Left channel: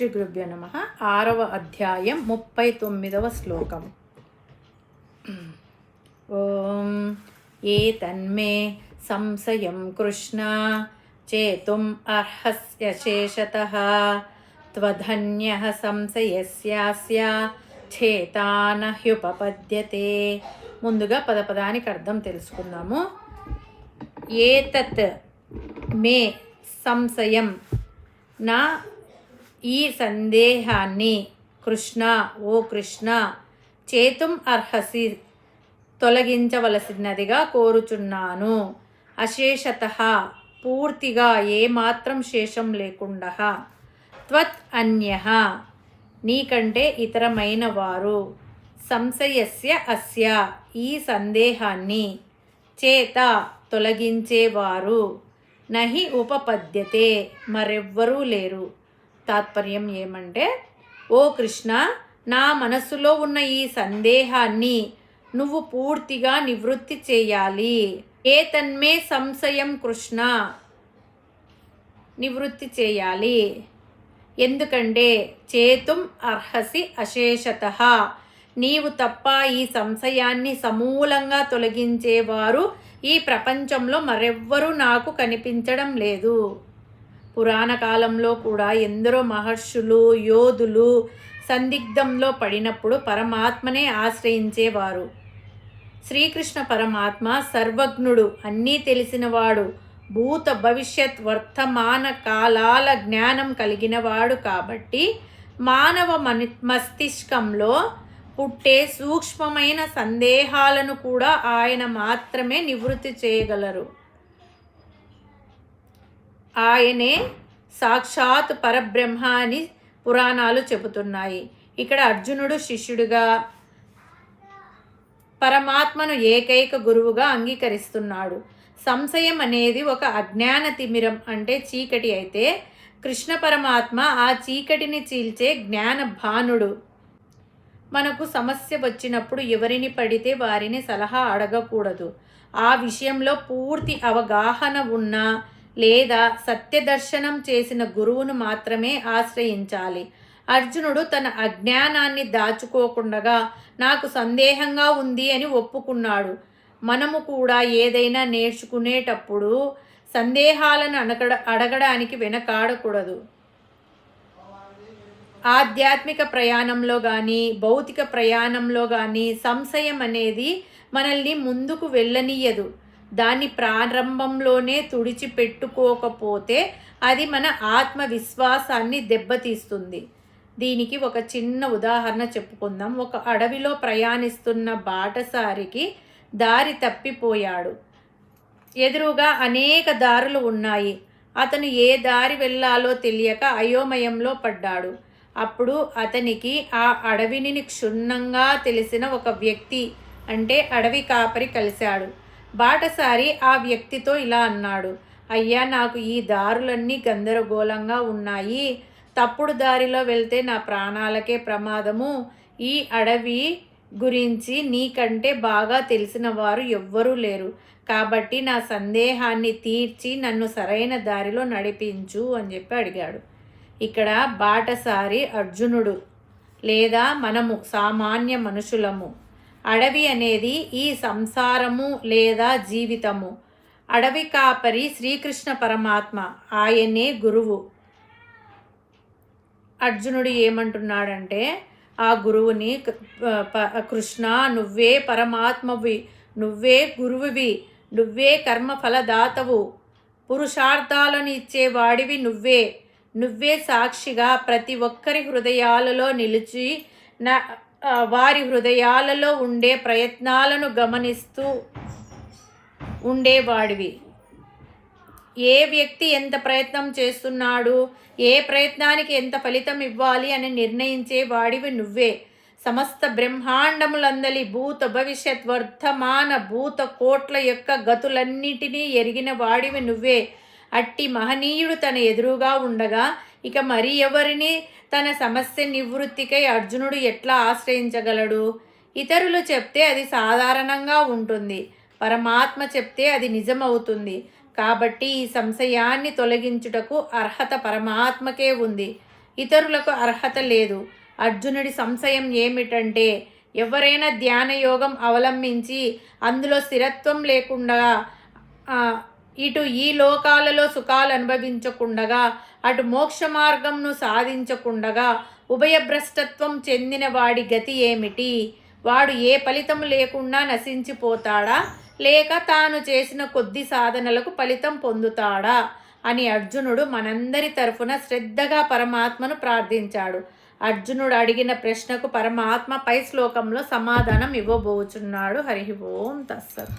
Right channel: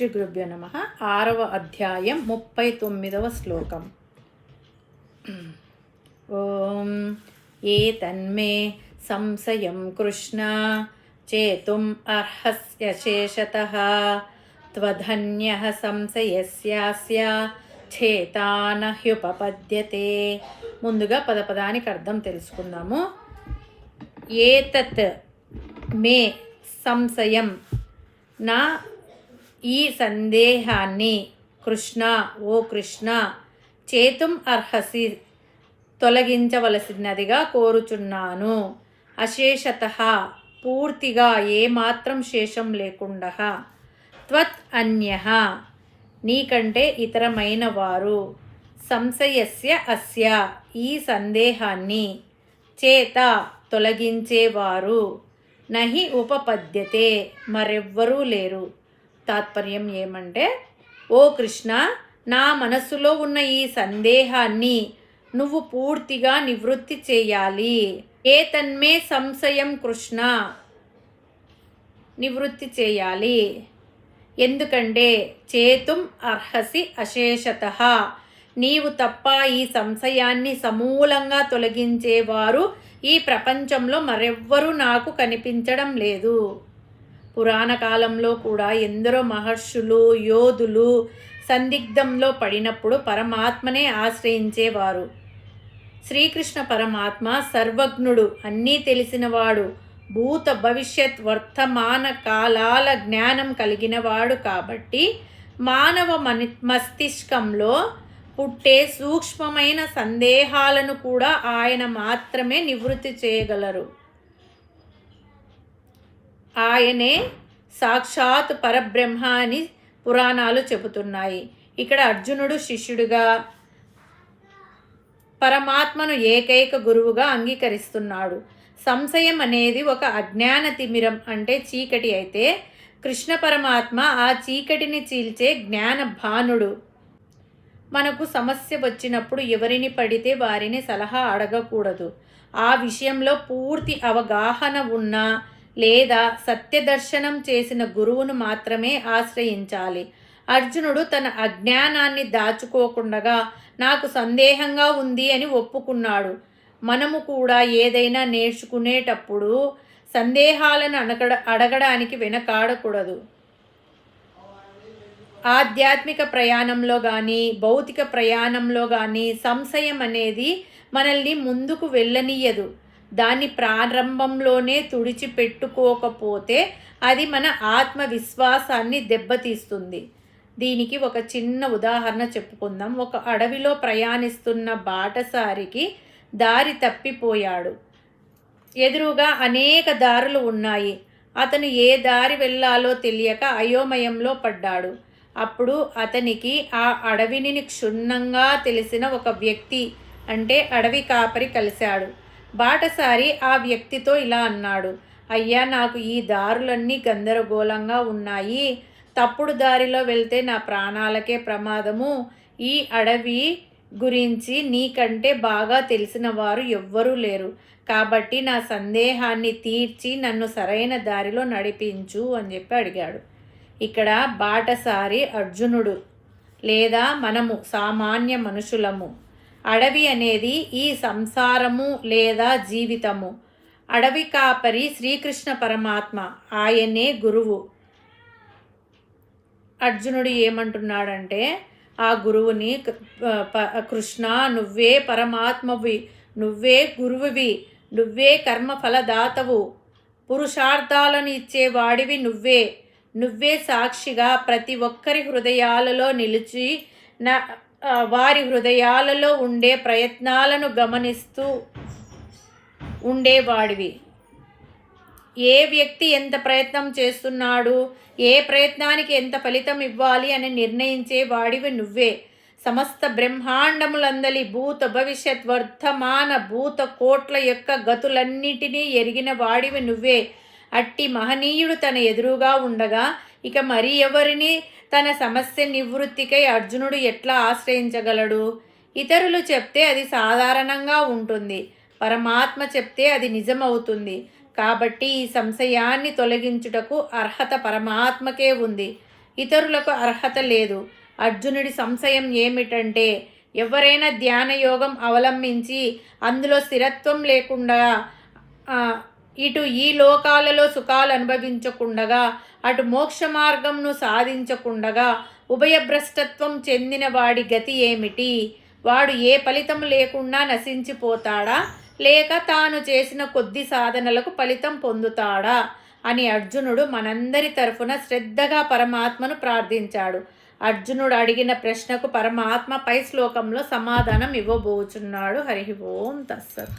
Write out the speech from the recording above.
శ్రీ గురుభ్యో నమః. 6వ అధ్యాయం 39వ శ్లోకం. ఓం ఏతన్మే సంశయం కృష్ణ చేతుం అర్హస్య శేషతః త్వధన్యః సంశయస్యాస్య చేతాన హ్యుపపద్యతే. ముందుగా పదపదానికి అర్థం తెలుసుకుందాము. ఏతత్ మే సంశయం, నా ఈ సందేహాన్ని కృష్ణ, ఓ కృష్ణ, చేతుం అర్హసి, తొలగించవలసినదిగా కోరుచున్నాను. అశేషతః, పూర్తిగా ఏమాత్రం శేషం లేకుండా. త్వత్ అన్యః, నీకంటే ఇతరమైన వారు. సంశయస్య అస్య, ఈ సందేహాన్ని. చేత, తొలగించేవారు. నహి ఉపపద్యతే, మరెవ్వరూ లేరు. తాత్పర్యం ఏమంటే, ఓ కృష్ణ, నా మనస్సులో ఉన్న ఈ సందేహాన్ని నువ్వు పూర్తిగా నివృత్తి చేయాలి. ఏతన్మే సంశయం కృష్ణ, నివృత్తి చేయాలి. ఎందుకంటే చేతుం అర్హసి అశేషతః, నీవు తప్ప ఈ సంశయాన్ని సమూలంగా తొలగించేవారు ఈ ప్రపంచంలో మరెవ్వరూ నాకు కనిపించడం లేదు. పురాణ కాలంలో కూడా ఎందరో మహర్షులు, యోధులు సందిగ్ధంలో పడినప్పుడు పరమాత్మనే ఆశ్రయించేవారు. శ్రీకృష్ణ పరమాత్మ సర్వజ్ఞుడు, అన్నీ తెలిసినవాడు, భూత భవిష్యత్ వర్తమాన కాలాల జ్ఞానం కలిగినవాడు. కాబట్టి మానవ మస్తిష్కంలో పుట్టే సూక్ష్మమైన సందేహాలను కూడా ఆయన మాత్రమే నివృత్తి చేయగలరు. ఆయనే సాక్షాత్ పరబ్రహ్మ అని పురాణాలు చెబుతున్నాయి. ఇక్కడ అర్జునుడు శిష్యుడిగా పరమాత్మను ఏకైక గురువుగా అంగీకరిస్తున్నాడు. సంశయం అనేది ఒక అజ్ఞాన తిమిరం, అంటే చీకటి అయితే, కృష్ణ పరమాత్మ ఆ చీకటిని చీల్చే జ్ఞాన భానుడు. మనకు సమస్య వచ్చినప్పుడు ఎవరిని పడితే వారిని సలహా అడగకూడదు. ఆ విషయంలో పూర్తి అవగాహన ఉన్న లేదా సత్యదర్శనం చేసిన గురువును మాత్రమే ఆశ్రయించాలి. అర్జునుడు తన అజ్ఞానాన్ని దాచుకోకుండా నాకు సందేహంగా ఉంది అని ఒప్పుకున్నాడు. మనము కూడా ఏదైనా నేర్చుకునేటప్పుడు సందేహాలను అడగడానికి వెనకాడకూడదు. ఆధ్యాత్మిక ప్రయాణంలో కానీ భౌతిక ప్రయాణంలో కానీ సంశయం అనేది మనల్ని ముందుకు వెళ్ళనీయదు. దాన్ని ప్రారంభంలోనే తుడిచిపెట్టుకోకపోతే అది మన ఆత్మవిశ్వాసాన్ని దెబ్బతీస్తుంది. దీనికి ఒక చిన్న ఉదాహరణ చెప్పుకుందాం. ఒక అడవిలో ప్రయాణిస్తున్న బాటసారికి దారి తప్పిపోయాడు. ఎదురుగా అనేక దారులు ఉన్నాయి. అతను ఏ దారి వెళ్ళాలో తెలియక అయోమయంలో పడ్డాడు. అప్పుడు అతనికి ఆ అడవిని క్షుణ్ణంగా తెలిసిన ఒక వ్యక్తి, అంటే అడవి కాపరి కలిశాడు. బాటసారి ఆ వ్యక్తితో ఇలా అన్నాడు, అయ్యా, నాకు ఈ దారులన్నీ గందరగోళంగా ఉన్నాయి. తప్పుడు దారిలో వెళ్తే నా ప్రాణాలకే ప్రమాదము. ఈ అడవి గురించి నీకంటే బాగా తెలిసిన వారు ఎవ్వరూ లేరు. కాబట్టి నా సందేహాన్ని తీర్చి నన్ను సరైన దారిలో నడిపించు అని చెప్పి అడిగాడు. ఇక్కడ బాటసారి అర్జునుడు, లేదా మనము సామాన్య మనుషులము. అడవి అనేది ఈ సంసారము లేదా జీవితము. అడవి కాపరి శ్రీకృష్ణ పరమాత్మ, ఆయనే గురువు. అర్జునుడు ఏమంటున్నాడంటే, ఆ గురువుని, కృష్ణ, నువ్వే పరమాత్మవి, నువ్వే గురువువి, నువ్వే కర్మఫలదాతవు, పురుషార్థాలను ఇచ్చేవాడివి నువ్వే సాక్షిగా ప్రతి ఒక్కరి హృదయాలలో నిలిచి వారి హృదయాలలో ఉండే ప్రయత్నాలను గమనిస్తూ ఉండేవాడివి. ఏ వ్యక్తి ఎంత ప్రయత్నం చేస్తున్నాడు, ఏ ప్రయత్నానికి ఎంత ఫలితం ఇవ్వాలి అని నిర్ణయించే వాడివి నువ్వే. సమస్త బ్రహ్మాండములందలి భూత భవిష్యత్ వర్తమాన భూత కోట్ల యొక్క గతులన్నిటినీ ఎరిగిన వాడివి నువ్వే. అట్టి మహనీయుడు తన ఎదురుగా ఉండగా ఇక మరి ఎవరిని తన సమస్య నివృత్తికై అర్జునుడు ఎట్లా ఆశ్రయించగలడు? ఇతరులు చెప్తే అది సాధారణంగా ఉంటుంది, పరమాత్మ చెప్తే అది నిజమవుతుంది. కాబట్టి ఈ సంశయాన్ని తొలగించుటకు అర్హత పరమాత్మకే ఉంది. ఇతరులకు అర్హత లేదు. అర్జునుడి సంశయం ఏమిటంటే, ఎవరైనా ధ్యాన యోగం అవలంబించి అందులో స్థిరత్వం లేకుండా ఇటు ఈ లోకాలలో సుఖాలు అనుభవించకుండగా అటు మోక్ష మార్గంను సాధించకుండగా ఉభయభ్రష్టత్వం చెందిన వాడి గతి ఏమిటి? వాడు ఏ ఫలితం లేకుండా నశించిపోతాడా, లేక తాను చేసిన కొద్ది సాధనలకు ఫలితం పొందుతాడా అని అర్జునుడు మనందరి తరఫున శ్రద్ధగా పరమాత్మను ప్రార్థించాడు. అర్జునుడు అడిగిన ప్రశ్నకు పరమాత్మ పై శ్లోకంలో సమాధానం ఇవ్వబోచున్నాడు. హరి ఓం తస్సత్.